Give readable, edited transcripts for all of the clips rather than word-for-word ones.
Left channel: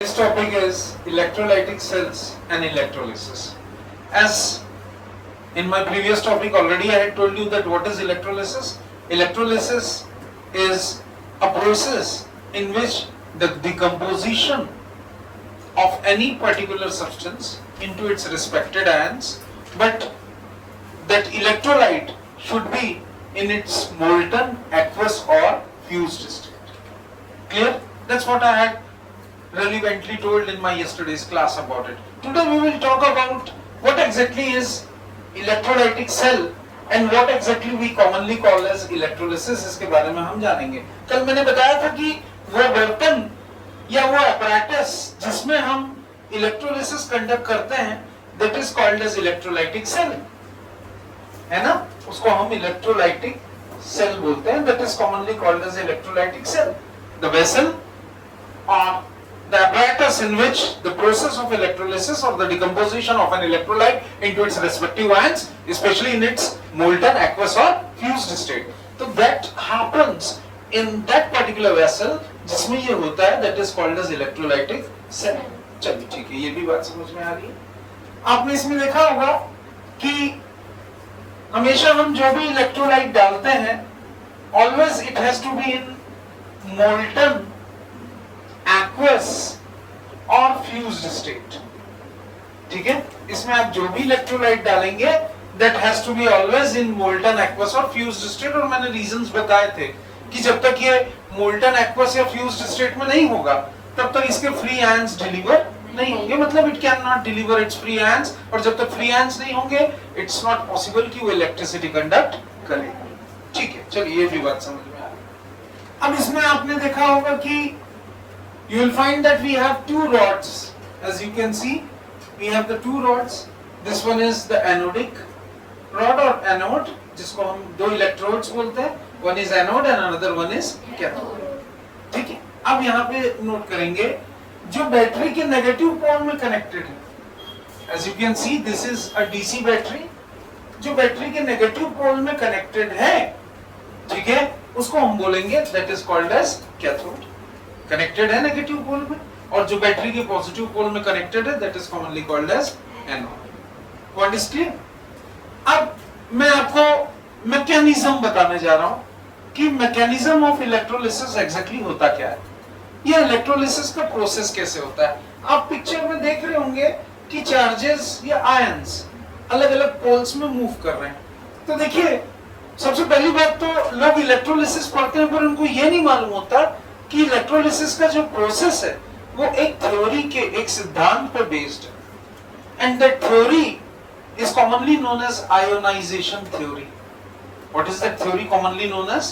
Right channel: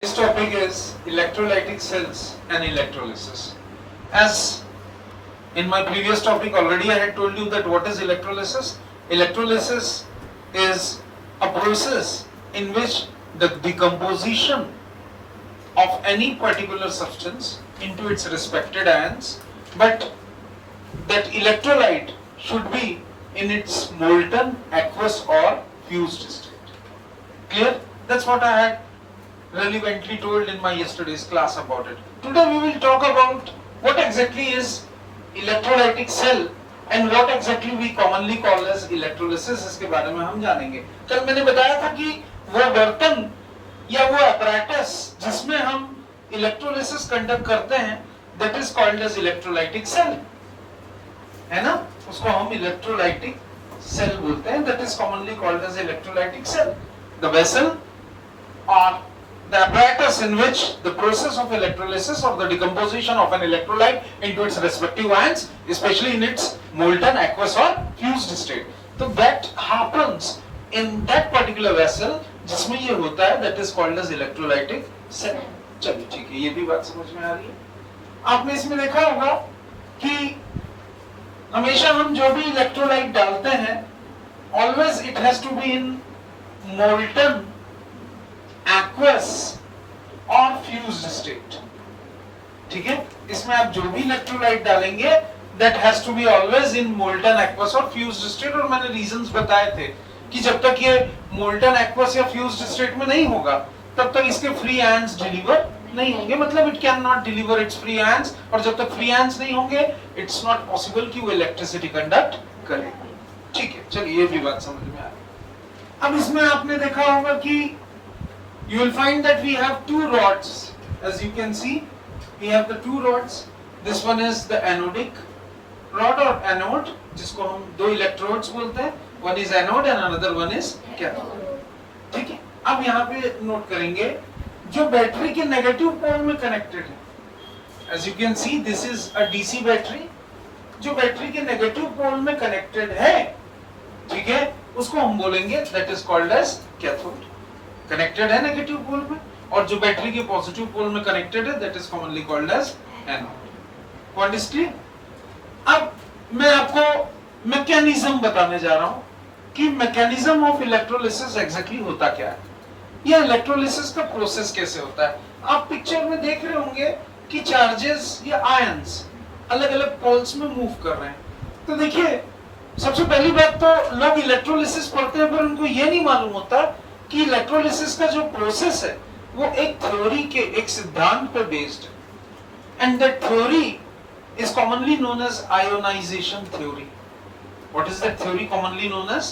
This topic is electrolytic cells and electrolysis. As in my previous topic already I had told you that what is electrolysis? Electrolysis is a process in which the decomposition of any particular substance into its respected ions, but that electrolyte should be in its molten, aqueous or fused state. Clear? That's what I had relevantly told in my yesterday's class about it. Today we will talk about what exactly is electrolytic cell and what exactly we commonly call as electrolysis. इसके बारे में हम जानेंगे. कल मैंने बताया था कि वो बर्तन या वो apparatus जिसमें हम electrolysis conduct करते हैं, that is called as electrolytic cell. है ना? उसको हम electrolytic cell बोलते हैं. That is commonly called as electrolytic cell. The vessel or the apparatus in which the process of electrolysis or the decomposition of an electrolyte into its respective ions, especially in its molten, aqueous or fused state. So that happens in that particular vessel जिसमें ये होता है, that is called as electrolytic cell. चलिए ठीक है, ये भी बात समझ में आ रही है. आपने इसमें देखा होगा कि हमेशा हम जो भी इलेक्ट्रोलाइट डालते हैं, always it has to be in molten, aqueous और fused state. ठीक है? इसमें आप जो भी इलेक्ट्रोलाइट डालेंगे that has to be always in molten, aqueous और fused state. और मैंने reasons बताए थे कि जब तक ये molten, aqueous या fused state में नहीं होगा तब तक इसके free ions deliver नहीं होंगे. मतलब it cannot deliver its free ions, और जब तक free ions नहीं होंगे it's not possible कि वो electricity conduct करे. ठीक है, चलिए ये भी बात समझ में आ रही. अब इसमें आपने देखा होगा कि you will find that we have two rods. As you can see, we have the two rods. This one is the anodic rod or anode, जिसको हम दो electrodes बोलते हैं. One is anode and another one is cathode. ठीक है? अब यहाँ पे नोट करेंगे जो बैटरी के नेगेटिव पोल में कनेक्टेड है. As you can see, this is a DC battery जो बैटरी के नेगेटिव पोल में कनेक्टेड है. ठीक है? उसको हम बोलेंगे that is called as cathode. Connected है नेगेटिव पोल में, और जो बैटरी के पॉजिटिव पोल में कनेक्टेड है that is commonly called as anode. What is clear? अब मैं आपको मैकेनिज्म बताने जा रहा हूं कि मैकेनिज्म ऑफ इलेक्ट्रोलिसिस एग्जैक्टली होता क्या है, ये इलेक्ट्रोलिसिस का प्रोसेस कैसे होता है. आप पिक्चर में देख रहे होंगे कि चार्जेस या आयंस अलग अलग पोल्स में मूव कर रहे हैं. तो देखिए, सबसे पहली बात तो लोग इलेक्ट्रोलिसिस पढ़ते हैं पर उनको ये नहीं मालूम होता कि इलेक्ट्रोलिसिस का जो प्रोसेस है वो एक थ्योरी के, एक सिद्धांत पर बेस्ड है. And that theory is commonly known as ionization theory. What is that theory commonly known as?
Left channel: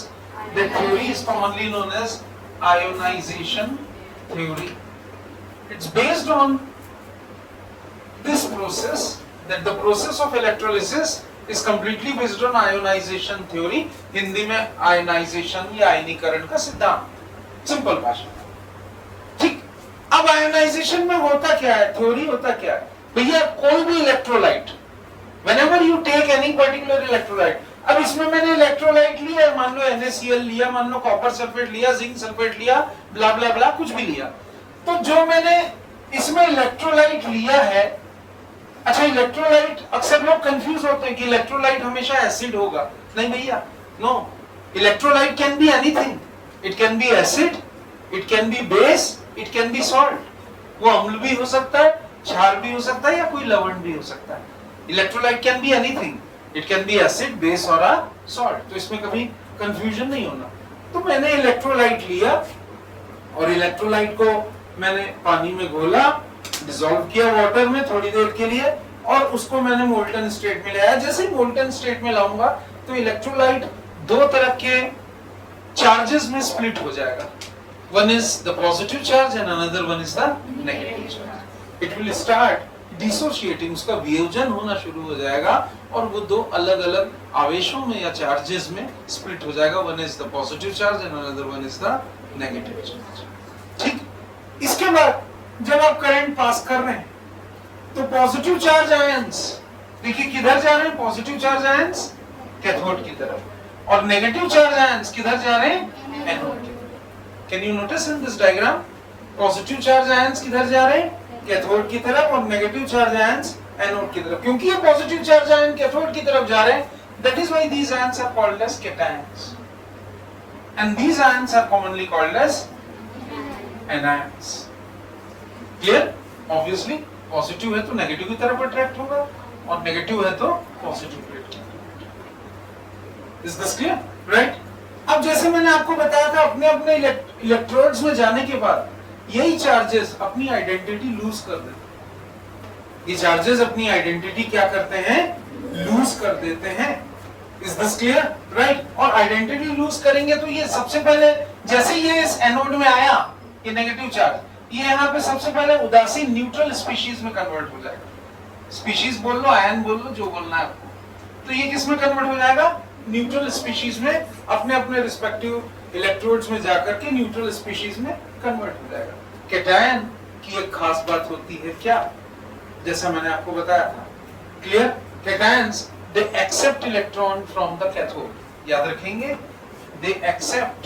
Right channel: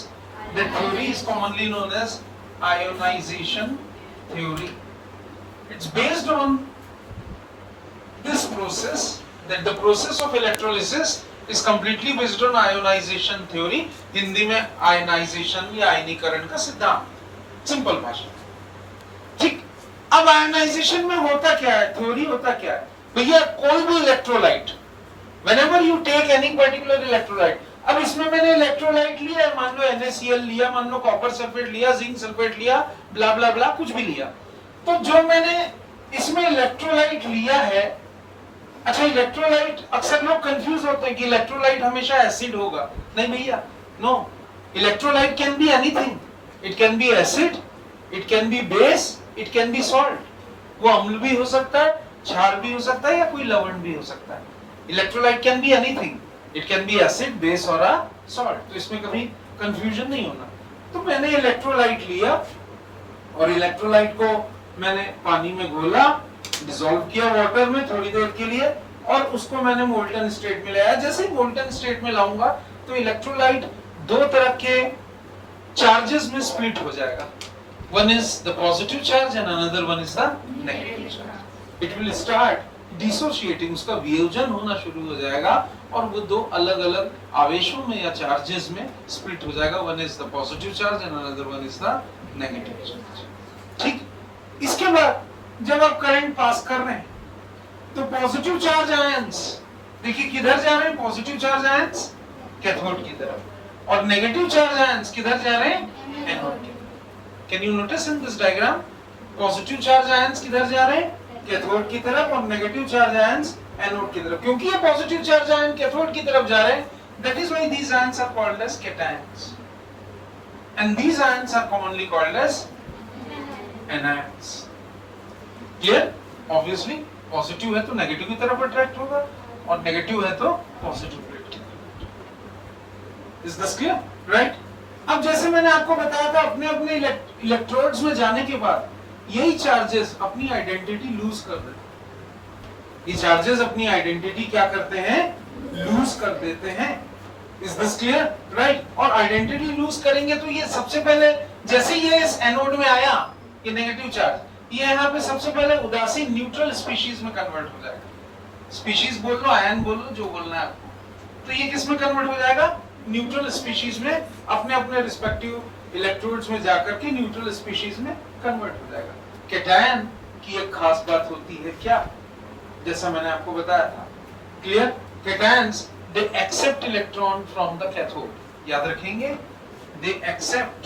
That theory is commonly known as ionization theory. It's based on this process, that the process of electrolysis is completely based on ionization theory. Hindi में ionization या आयनीकरण का सिद्धांत, simple भाषा. ठीक. अब ionization में होता क्या है, थ्योरी होता क्या है? भैया कोई भी electrolyte, whenever you take any particular electrolyte, अब इसमें मैंने इलेक्ट्रोलाइट लिया, मान लो NaCl लिया, मान लो कॉपर सल्फेट लिया, जिंक सल्फेट लिया, ब्ला ब्ला ब्ला कुछ भी लिया, तो जो मैंने इसमें इलेक्ट्रोलाइट लिया है, अच्छा इलेक्ट्रोलाइट, अक्सर लोग कंफ्यूज होते हैं कि इलेक्ट्रोलाइट हमेशा एसिड होगा. नहीं भैया, no. Electrolyte can be anything. It can be acid, it can be base, it can be salt. वो अम्ल भी हो सकता है, क्षार भी हो सकता है, या कोई लवण भी हो सकता है. Electrolyte can be anything. It can be acid, base और सॉल्ट. तो इसमें कभी कंफ्यूजन नहीं होना. तो मैंने इलेक्ट्रोलाइट लिया और इलेक्ट्रोलाइट को मैंने पानी में घोला, डिसॉल्व किया वाटर में थोड़ी देर के लिए, और उसको मैंने मोल्टन स्टेट में ले आया. जैसे ही मोल्टन स्टेट में लाऊंगा तो इलेक्ट्रोलाइट दो तरह के चार्जेस में स्प्लिट हो जाएगा. One is the positive charge and another one is the negative charge. It will start dissociating, उसका वियोजन होना शुरू हो जाएगा और वो दो अलग अलग आवेशों में या चार्जेस में स्प्लिट हो जाएगा. One is the positive charge and another one is the negative charge. ठीक. इसके बाद जब आप करंट पास कर रहे हैं तो पॉजिटिव चार्ज आयंस देखिए किधर जा रहे हैं, पॉजिटिव चार्ज आयंस कैथोड की तरफ, और नेगेटिव चार्ज आयंस किधर जा रहे हैं, एनोड की तरफ. Can you notice in this diagram? Positive charge ions किधर जा रहे हैं? कैथोड की तरफ, और नेगेटिव चार्ज आयंस एनोड की तरफ। क्योंकि ये पॉजिटिव चार्ज आयन कैथोड की तरफ जा रहे हैं, that is why these ions are called as cations, and these ions are commonly called as anions. Clear? Obviously positive है तो नेगेटिव की तरफ अट्रैक्ट होगा, और नेगेटिव है तो पॉजिटिव की तरफ। Is this clear? Right? अब जैसे मैंने आपको बताया था, अपने अपने इलेक्ट्रोड्स में जाने के बाद यही चार्जेस अपनी आइडेंटिटी लूज कर देते हैं। ये चार्जेस अपनी आइडेंटिटी क्या करते हैं? लूज कर देते हैं। Is this clear? Right? और आइडेंटिटी लूज करेंगे तो ये सबसे पहले, जैसे ये इस एनोड में आया, ये नेगेटिव चार्ज, ये यहाँ पे सबसे पहले उदासीन न्यूट्रल स्पीशीज में कन्वर्ट हो जाएगा। स्पीशीज बोल लो, आयन बोल लो, जो बोलना है आपको। तो ये किस में कन्वर्ट हो जाएगा? न्यूट्रल स्पीशीज में, अपने अपने रिस्पेक्टिव इलेक्ट्रोड्स में जाकर के न्यूट्रल स्पीशीज में कन्वर्ट हो जाएगा। कैटायन की एक खास बात होती है क्या? जैसा मैंने आपको बताया था। Clear? Cations they accept electron from the cathode। याद रखेंगे, they accept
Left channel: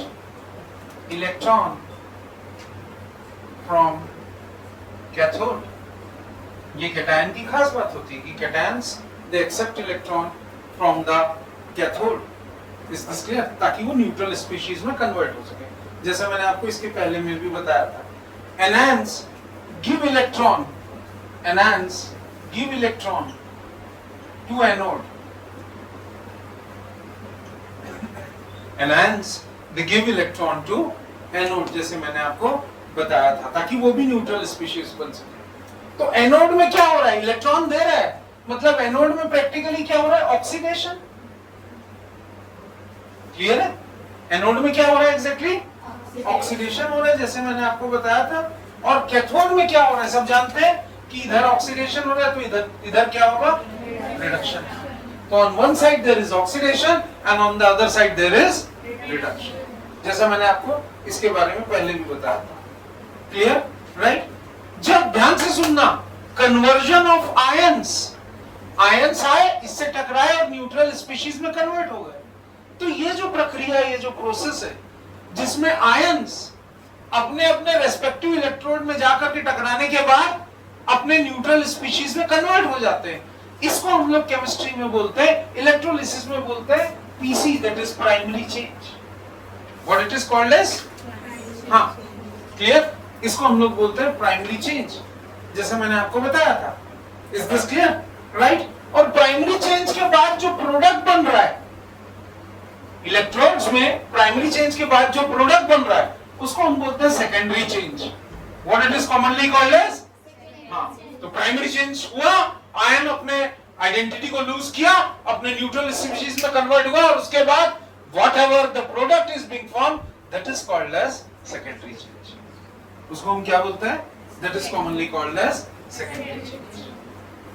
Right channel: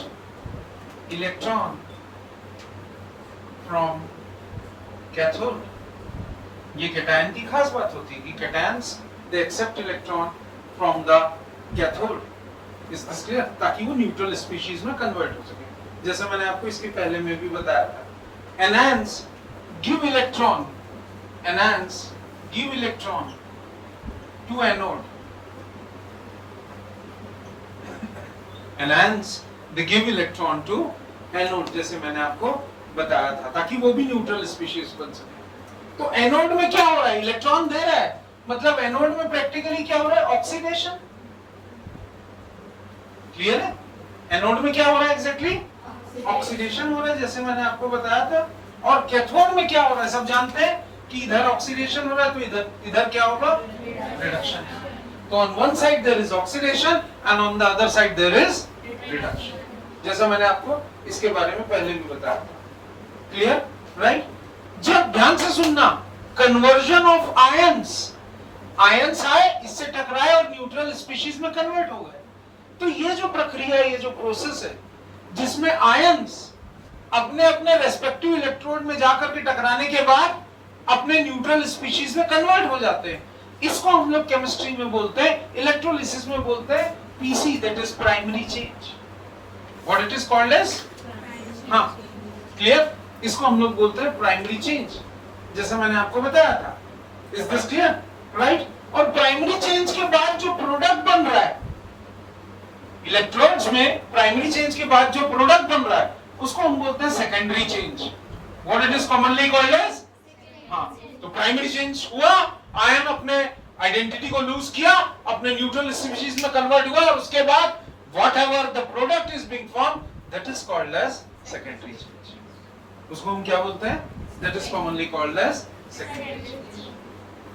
electron from cathode। ये कैटायन की खास बात होती है कि cations they accept electron from the cathode। Is this clear? ताकि वो न्यूट्रल स्पीशीज में कन्वर्ट हो सके। जैसा मैंने आपको इसके पहले में भी बताया था, anions give electron, anions give electron to anode, anions they give electron to anode, जैसे मैंने आपको बताया था, ताकि वो भी न्यूट्रल स्पीशीज बन सके। तो एनोड में क्या हो रहा है? इलेक्ट्रॉन दे रहा है, मतलब एनोड में प्रैक्टिकली क्या हो रहा है? ऑक्सीडेशन। क्लियर है? एनोड में क्या हो रहा है एग्जैक्टली? ऑक्सीडेशन हो रहा है, जैसे मैंने आपको बताया था। और कैथोड में क्या हो रहा है? सब जानते हैं कि इधर ऑक्सीडेशन हो रहा है, तो इधर क्या होगा? रिडक्शन। तो on one side there is oxidation and on the other side there is reduction, जैसा मैंने आपको इसके बारे में पहले भी बताया था। क्लियर? राइट? जब ध्यान से सुनना, कन्वर्जन ऑफ आयंस, आयंस आए, इससे टकराए और न्यूट्रल स्पीशीज में कन्वर्ट हो गए। तो ये जो प्रक्रिया, ये जो प्रोसेस है, जिसमें आयंस अपने अपने रेस्पेक्टिव इलेक्ट्रोड में जाकर के टकराने के बाद अपने न्यूट्रल स्पीशीज में कन्वर्ट हो जाते हैं, इसको हम लोग केमिस्ट्री में बोलते हैं, इलेक्ट्रोलिसिस में बोलते हैं PC, that is primary change. What it is called as? हाँ, क्लियर? इसको हम लोग बोलते हैं प्राइमरी चेंज, जैसा मैंने आपको बताया था। Is this clear? राइट? और प्राइमरी चेंज के बाद जो प्रोडक्ट बन रहा है इलेक्ट्रॉन्स में, प्राइमरी चेंज के बाद जो प्रोडक्ट बन रहा है, उसको हम बोलते हैं secondary change. What it is commonly called as? हाँ, तो प्राइमरी चेंज हुआ, आयन अपने आइडेंटिटी को लूज किया, अपने न्यूट्रल स्पीशीज में कन्वर्ट हुआ, और उसके बाद whatever the product is being form, that is called as secondary change. उसको हम क्या बोलते हैं? That is commonly called as secondary change.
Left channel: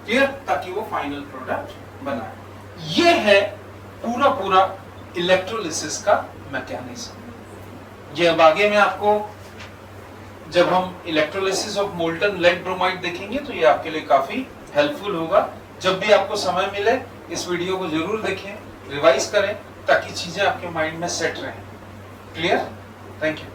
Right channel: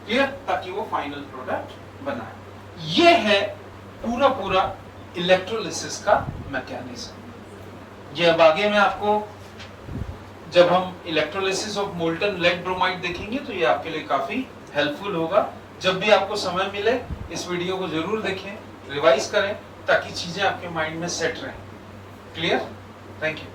Clear? ताकि वो फाइनल प्रोडक्ट बना। ये है पूरा इलेक्ट्रोलिसिस का मैकेनिज्म। ये अब आगे में आपको, जब हम electrolysis of molten lead bromide देखेंगे, तो ये आपके लिए काफी हेल्पफुल होगा। जब भी आपको समय मिले, इस वीडियो को जरूर देखें, रिवाइज करें, ताकि चीजें आपके माइंड में सेट रहें। क्लियर? Thank you.